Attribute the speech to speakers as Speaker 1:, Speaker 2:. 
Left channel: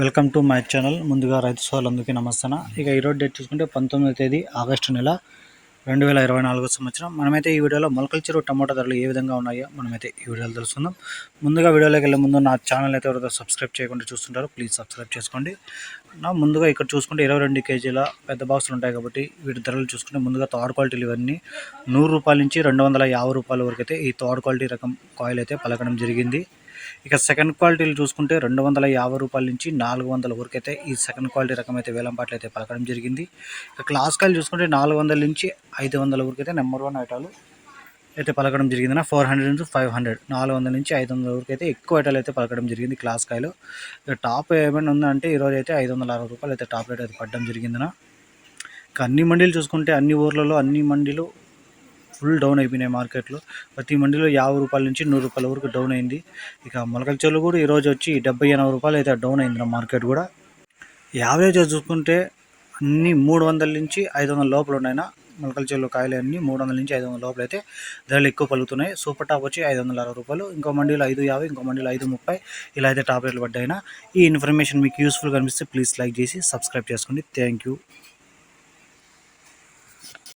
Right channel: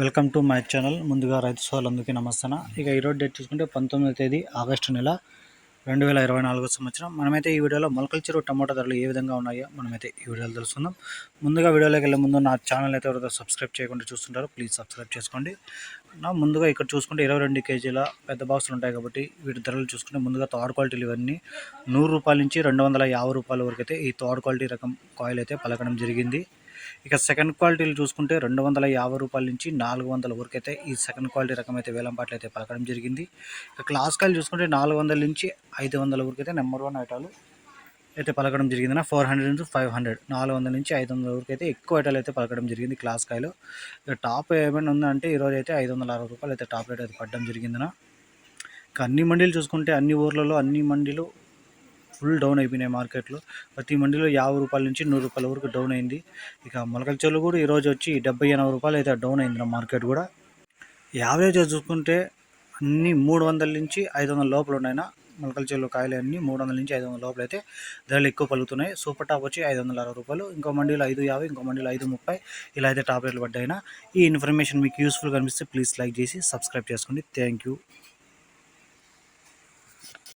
Speaker 1: Welcome to my channel. ముందుగా రైతు సోదరులందరికీ నమస్తాన. ఇక ఈరోజు డేట్ చూసుకుంటే పంతొమ్మిదో తేదీ ఆగస్టు నెల రెండు వేల ఇరవై నాలుగో సంవత్సరం. మనమైతే ఈ వీడియోలో మొలకల చెరువు టమాటా ధరలు ఏ విధంగా ఉన్నాయో మనమైతే ఈ వీడియోలో తెలుసుకుందాం. ముందుగా వీడియోలోకి వెళ్ళే ముందు నా ఛానల్ అయితే ఎవరైతే సబ్స్క్రైబ్ చేయకుండా చూస్తుంటారో ప్లీజ్ సబ్స్క్రైబ్ చేసుకోండి. నా ముందుగా ఇక్కడ చూసుకుంటే ఇరవై రెండు కేజీల పెద్ద బాక్సులు ఉంటాయి కాబట్టి వీటి ధరలు చూసుకుంటే ముందుగా థర్డ్ క్వాలిటీలు ఇవన్నీ నూరు రూపాయల నుంచి రెండు వందల యాభై రూపాయల వరకు అయితే ఈ థర్డ్ క్వాలిటీ రకం కాయిల్ అయితే పలకడం జరిగింది. ఇక సెకండ్ క్వాలిటీలు చూసుకుంటే రెండు వందల యాభై రూపాయల నుంచి నాలుగు వందల వరకు అయితే ఈ సెకండ్ క్వాలిటీ రకం అయితే వేలంపాట్లు అయితే పలకడం జరిగింది. ఇక క్లాస్ కాయలు చూసుకుంటే నాలుగు వందల నుంచి ఐదు వందల వరకు అయితే నెంబర్ వన్ ఐటాలు అయితే పలకడం జరిగింది ఫోర్ హండ్రెడ్ నుంచి ఫైవ్ హండ్రెడ్ నాలుగు వందల నుంచి ఐదు వందల వరకు అయితే ఎక్కువ ఐటాలు అయితే పలకడం జరిగింది క్లాస్ కాయలు ఇక టాప్ ఏమైనా ఉందంటే ఈరోజు అయితే ఐదు వందల అరవై రూపాయలు అయితే టాప్ రేట్ అయితే పడడం జరిగిందినా ఇక అన్ని మండీలు చూసుకుంటే అన్ని ఊర్లలో అన్ని మండీలు ఫుల్ డౌన్ అయిపోయినాయి మార్కెట్లో. ప్రతి మండిలో యాభై రూపాయల నుంచి నూరు రూపాయల వరకు డౌన్ అయింది. ఇక మొలకల చెరువులు కూడా ఈరోజు వచ్చి డెబ్బై ఎనభై రూపాయలు అయితే డౌన్ అయింది నా మార్కెట్ కూడా. యావరేజ్ చూసుకుంటే అన్ని మూడు వందల నుంచి ఐదు వందల లోపల ఉన్నాయినా. మొలకల చెరువులు కాయలు అన్నీ మూడు వందల నుంచి ఐదు వందల లోపల అయితే ధరలు ఎక్కువ పలుకుతున్నాయి. సూపర్ టాప్ వచ్చి ఐదు వందల అరవై రూపాయలు. ఇంకో మండీలో ఐదు యాభై ఇంకో మండీలో ఐదు ముప్పై. ఇలా అయితే టాప్ రేట్లు పడ్డాయినా. ఈ ఇన్ఫర్మేషన్ మీకు యూస్ఫుల్ కనిపిస్తే ప్లీజ్ లైక్ చేసి సబ్స్క్రైబ్ చేసుకోండి. Thank you.